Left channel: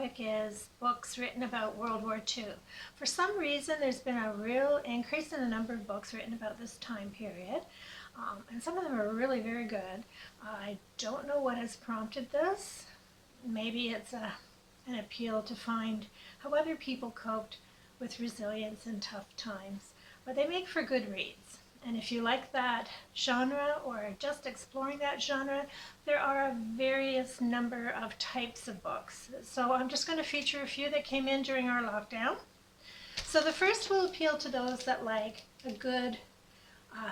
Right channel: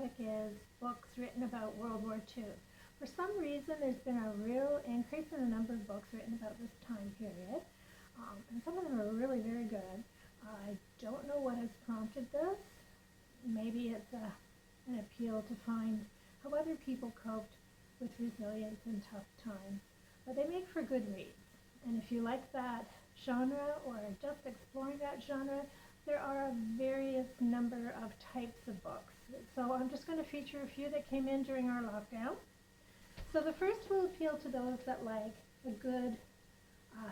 topic is books written about World War II. For some reason, there's been a real increase in the number of books written about this time period, and some of them are really very good. I don't know what has prompted this. Maybe it's an appeal to find how other people coped with resilience in tough times, but they make for good reads. And if you like that genre or just exploring that genre, there are a various number of types of books. So I'm just going to feature a few that came in during our lockdown. So the first will appeal to those that like a good,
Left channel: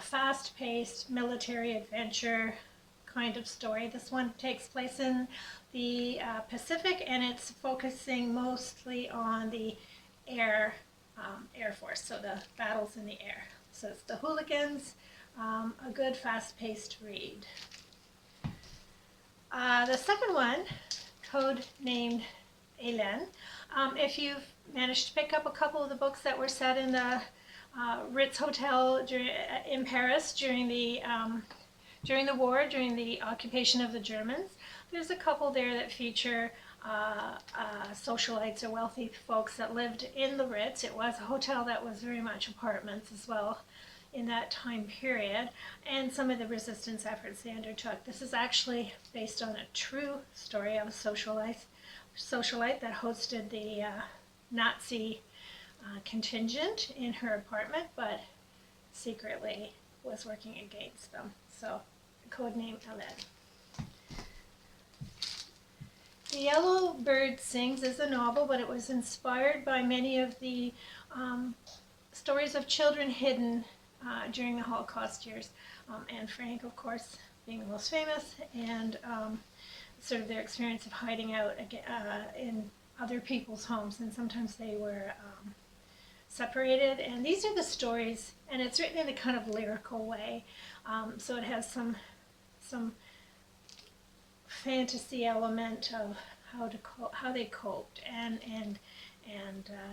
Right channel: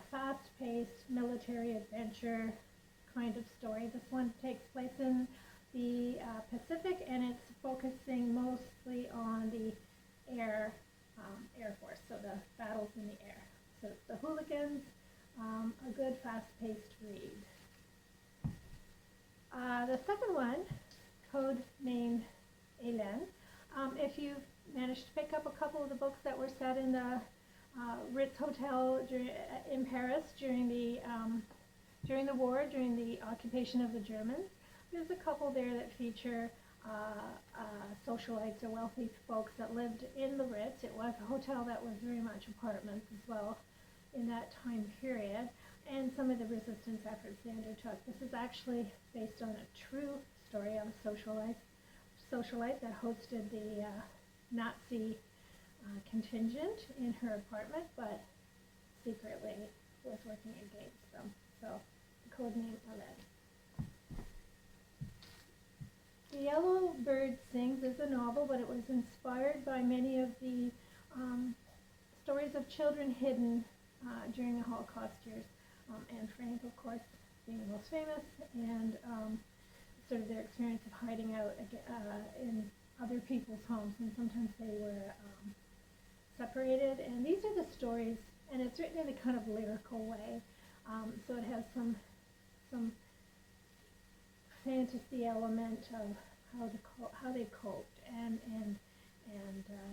fast-paced military adventure kind of story. This one takes place in the Pacific, and it's focusing mostly on the Air Force, so the battles in the air. So it's the Hooligans, a good fast-paced read. The second one, code-named Hélène. If you've managed to pick up a couple of the books that were set in the Ritz Hotel in Paris during the war, during the occupation of the Germans, there's a couple there that feature socialites or wealthy folks that lived in the Ritz. It was a hotel that was very much apartments as well in that time period, and some of the resistance efforts they undertook. This is actually based on a true story of a socialite that hosted the Nazi contingent in her apartment, but secretly was working against them. So, codename Hélène. The Yellow Bird Sings is a novel, but it was inspired by many of the stories of children hidden during the Holocaust years. Anne Frank, of course, being the most famous, and sort of their experience of hiding out in other people's homes, and sometimes they were separated. And these are the stories, and it's written in a kind of lyrical way, so it has some fantasy element of how they coped, and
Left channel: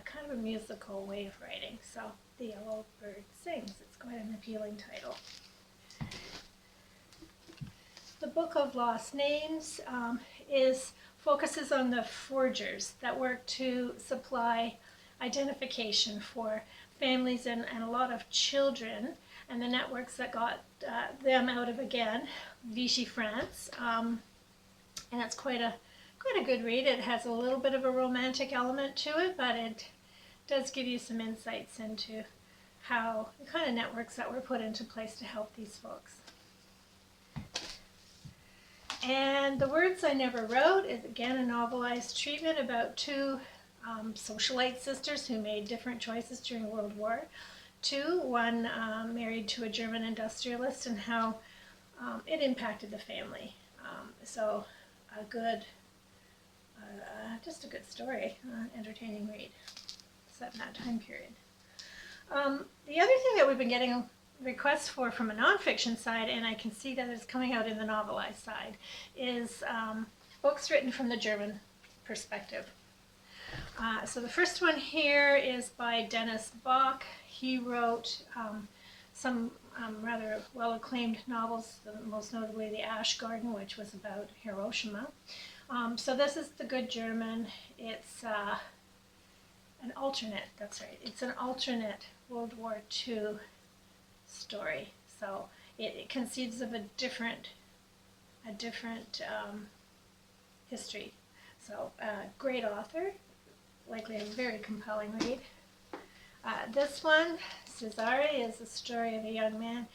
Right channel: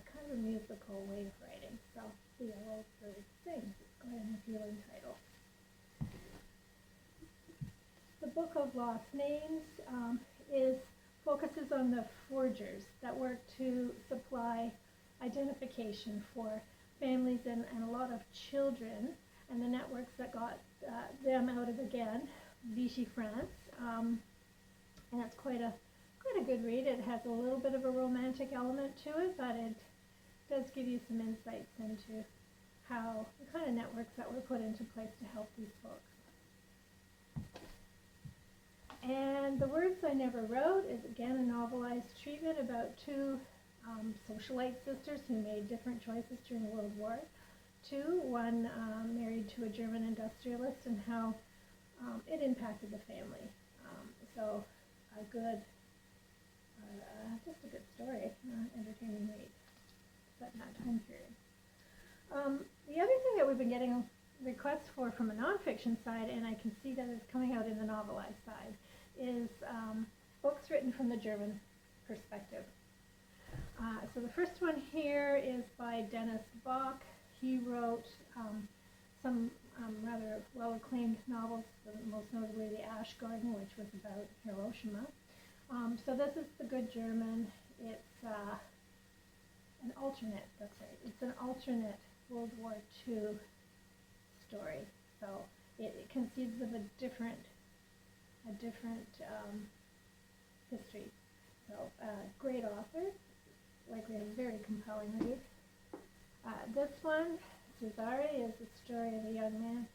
kind of a musical way of writing. So The Yellow Bird Sings. It's quite an appealing title. The Book of Lost Names focuses on the forgers that work to supply identification for families and a lot of children, and the networks that got them out of, again, Vichy France. And it's quite a good read. It has a little bit of a romantic element to it, but it does give you some insights into how the kind of networks that were put into place to help these folks. And The Words I Never Wrote is, again, a novelized treatment about two socialite sisters who made different choices during World War II. One married to a German industrialist, and how it impacted the family. So just a good story, entertaining read, set in that time period. The other thing that we've been getting requests for from a nonfiction side, and I can see that it's coming out in the novelized side, is books written from the German perspective. So the first one here is by Dennis Bock. He wrote some rather well-acclaimed novels, most notably The Ash Garden, which was about Hiroshima. So this is the good German. It's an alternate, that's right, it's an alternate World War II story. So it conceives of a different history. So great author, likely a very compelling read. This one, Cesare, is the story of a young man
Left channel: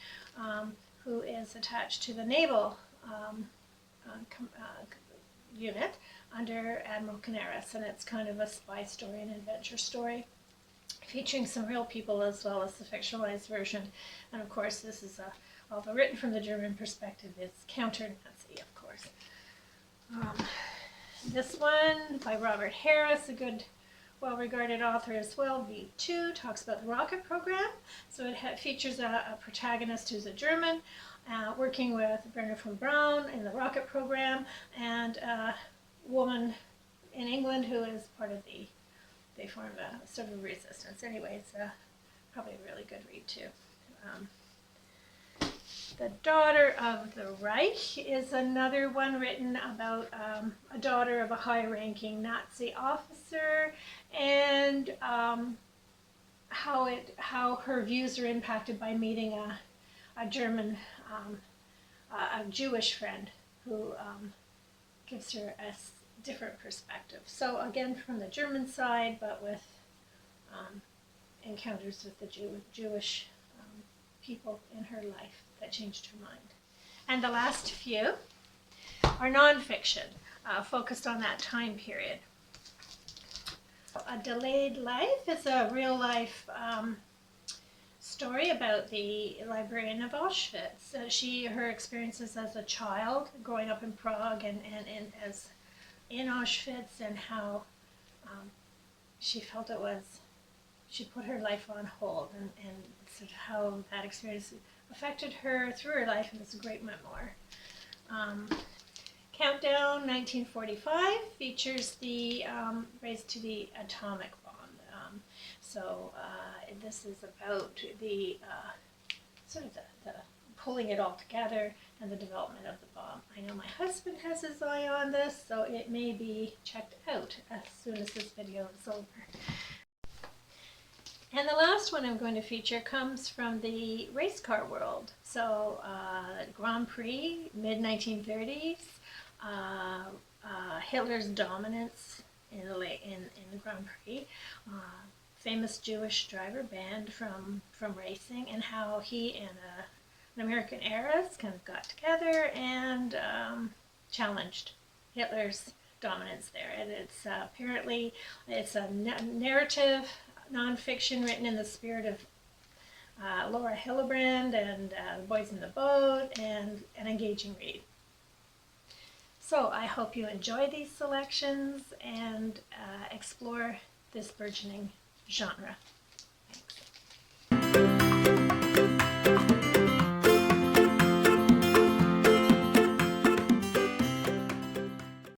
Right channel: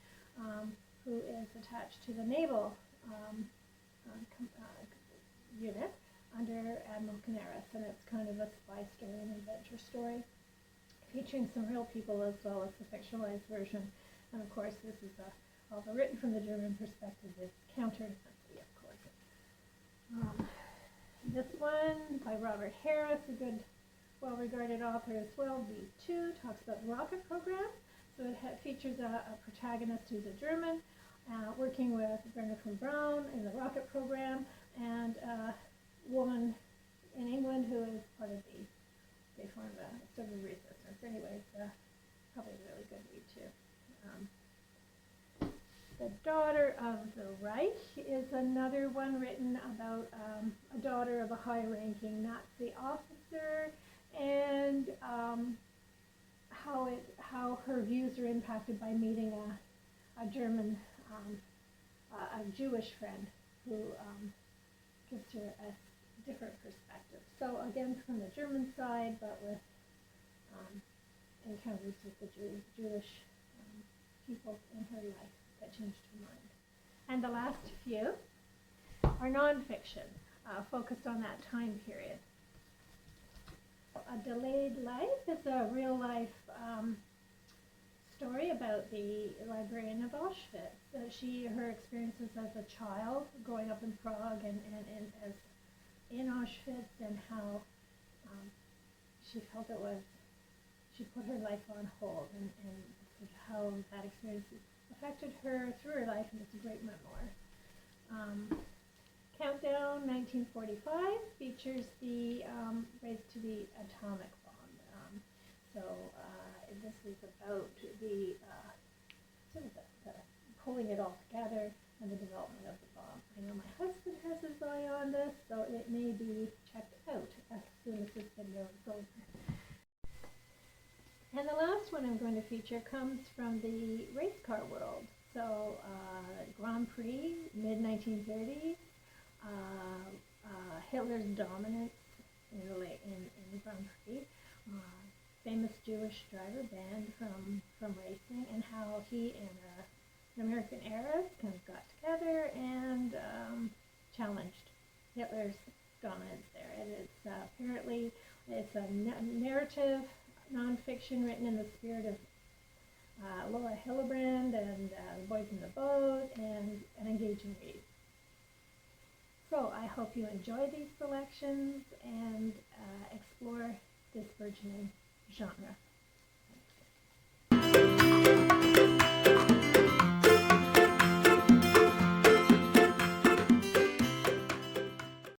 who is attached to the naval unit under Admiral Canaris, and it's kind of a spy story, an adventure story, featuring some real people as well as the fictionalized version. And of course, this is although written from the German perspective, it's counter-Nazi, of course. This one by Robert Harris, a good, well-regarded author as well. V2 talks about the rocket program. So it features a protagonist who's a German, working with Werner von Braun in the rocket program, and a woman in England who is part of they formed a sort of resistance. Anyway, it's probably a really good read too. The Daughter of the Reich is another one written about a daughter of a high-ranking Nazi officer, and how her views are impacted by meeting a German, a Jewish friend who gives her a different perspective. So again, from the German side, but with encounters with the Jewish people in her life that changed her mind. And the last few are nonfiction, focused on that time period. A Delayed Life is a real-life story about the librarian of Auschwitz. Her experiences as a child, growing up in Prague and as in Auschwitz, and how she felt she put her life on hold, and sort of how that experience affected her through her life, and it's a great memoir. Countdown 1945 features the race to the atomic bomb. This is about the sort of the pulling it all together and the development of the bomb. I know my husband has his eye on this, so it may be checked out as soon as this video is over. And the last one I'm going to feature comes from the race car world. So Grand Prix, mid-1930s, Hitler's dominance in the Grand Prix, famous Jewish driver banned from racing, and how he and an American heiress kind of got together and challenged Hitler's dominance there. And it's apparently a narrative nonfiction written in the spirit of Laura Hillebrand and The Boys in the Boat, and an engaging read. So I hope you enjoy these selections and explore this burgeoning genre.